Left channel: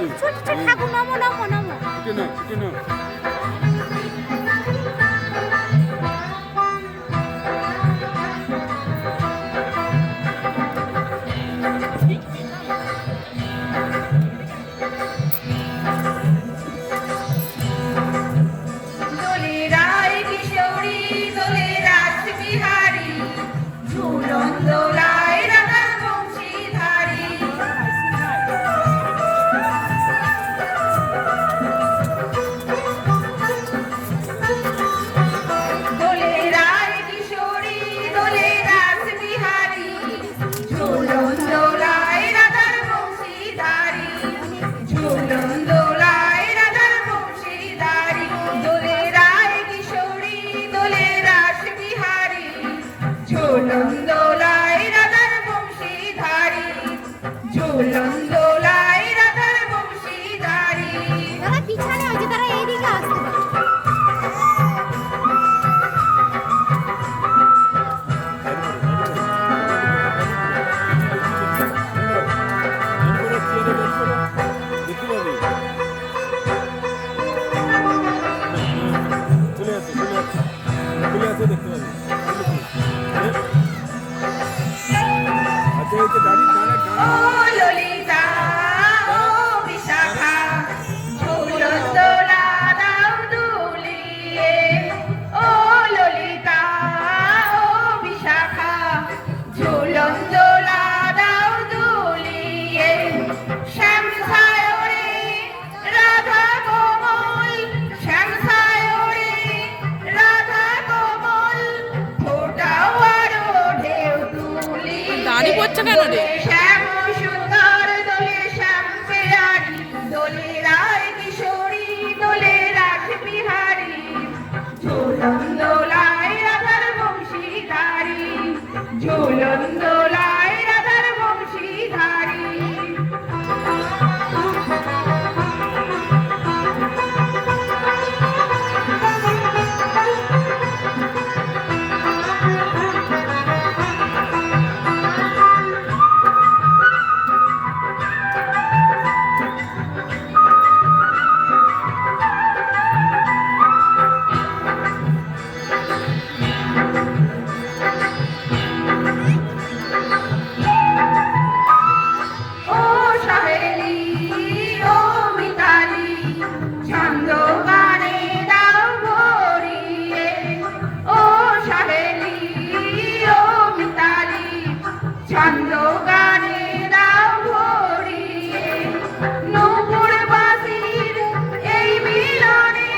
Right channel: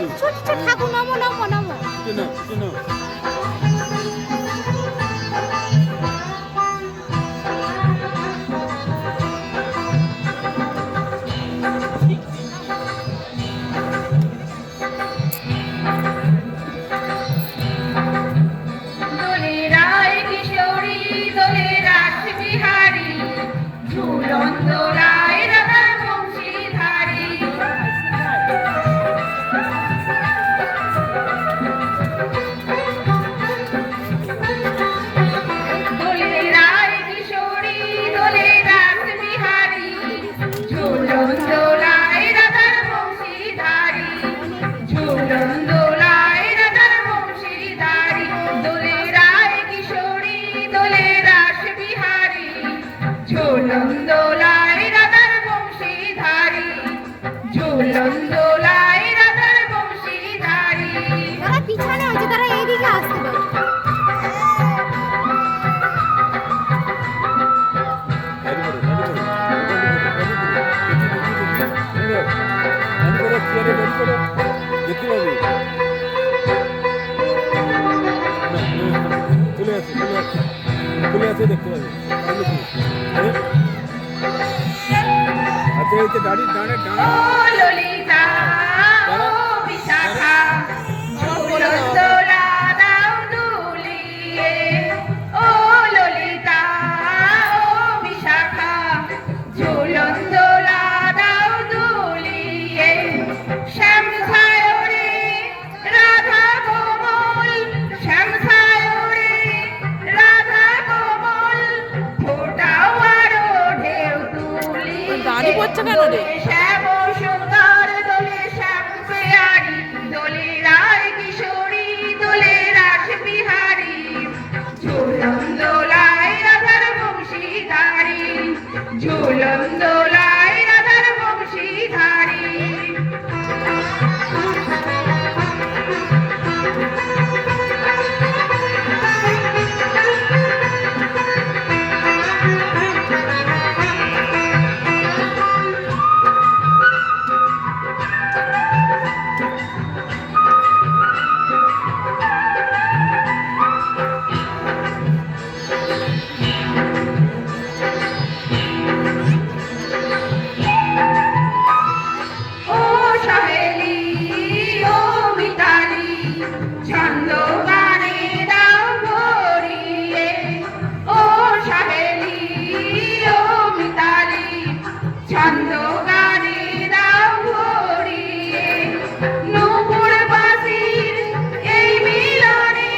দিচ্ছি। না ঝুলন্দোলায় রাধার বংশীধারী, ঝুলন্দোলায় রাধার বংশীধারী। তারা পিছনে আছে, তারা এইদিকে আসছে। দেখতে পাবি। আচ্ছা এই তো গাড়ি দাঁড়ে ও ললিতা, ও বিশাখা, ঝুলন্দোলা দাও দুলিয়ে। ও ললিতা, ও বিশাখা, ঝুলন্দোলা দাও দুলিয়ে। শ্যাম সায়রে রাধা কোমল, শ্যাম সায়রে রাধা কোমল, ফোটাও আরো ঢেউ তুলিয়ে। দাঁড়ি পড়ছে কেন রে? শ্যাম সুন্দর দোলে শ্যাম পেয়ারি, দোলে রায় কিশোরী, দোলে রাস বিহারী। ঝুলন্দোলায় রাধার বংশীধারী, ঝুলন্দোলায় রাধার বংশীধারী। ও সহেলি, ও মিতালি, ছন্দ গানে দাও ভরিয়ে। ও সহেলি, ও মিতালি, ছন্দ গানে দাও ভরিয়ে। নূপুর বাসির এই মিলনে,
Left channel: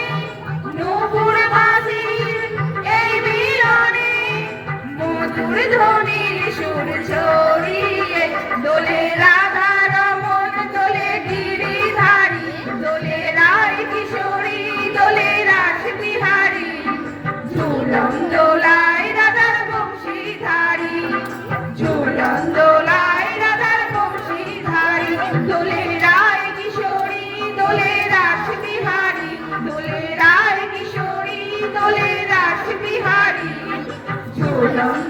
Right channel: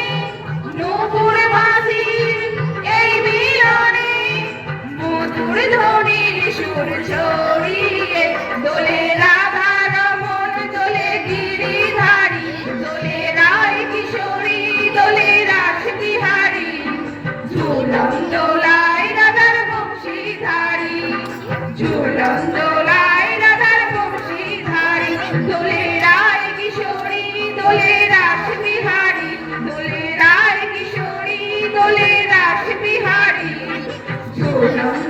নূপুর বাসির এই মিলনে, মধুর ধ্বনির সুর ছড়িয়ে। দোলে রাধা রমন, দোলে গিরিধারী, দোলে রায় কিশোরী, দোলে রাস বিহারী। ঝুলন্দোলায় রাধার বংশীধারী, ঝুলন্দোলায় রাধার বংশীধারী, দোলে রায় কিশোরী, দোলে রাস বিহারী, দোলে রায় কিশোরী, দোলে রাস বিহারী। ঝুলন্দোলায়